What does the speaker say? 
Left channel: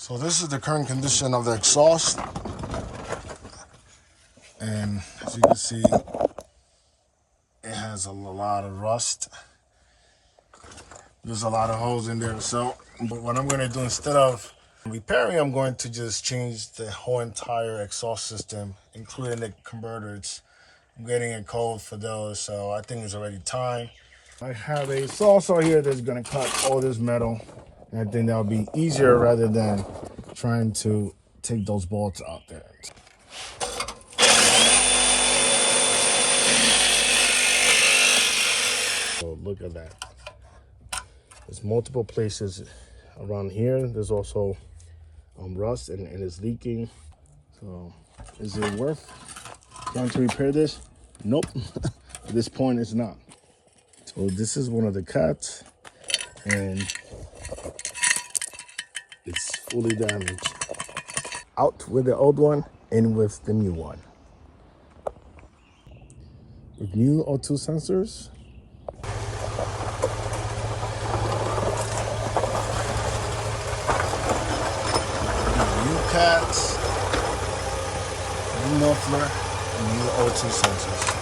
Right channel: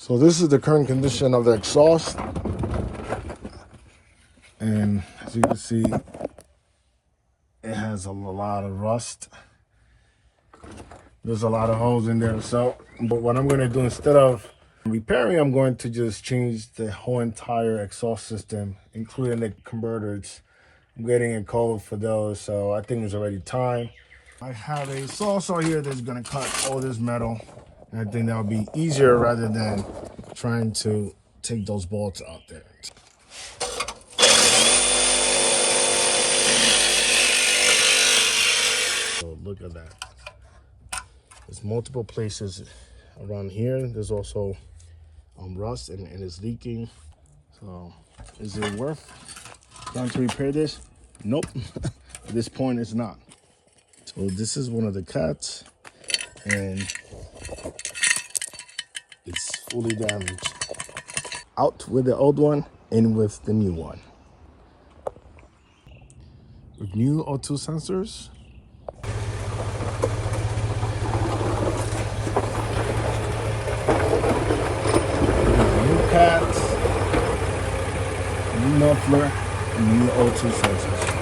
So this is the current condition of the exhaust. And as you can see, it has a lot of rust. There's a lot of holes in there. So, but what I'm going to do, instead of repairing, I'm going to just change the whole entire exhaust system, including the converters. I'm getting a code for those, so I think it's already time. I have a saw saw here that's going to cut all this metal. And I think that'll be easier rather than trying to take those bolts out there. So look at that. There's multiple places around here. There's also rust and it's leaking. So is it worth trying to repair this? Nope. At this point it's not. So this is one of the cuts and it's fully damaged. Out with the old one, in with the new one. With new O2 sensors, new cats, new muffler, and new O2 sensors.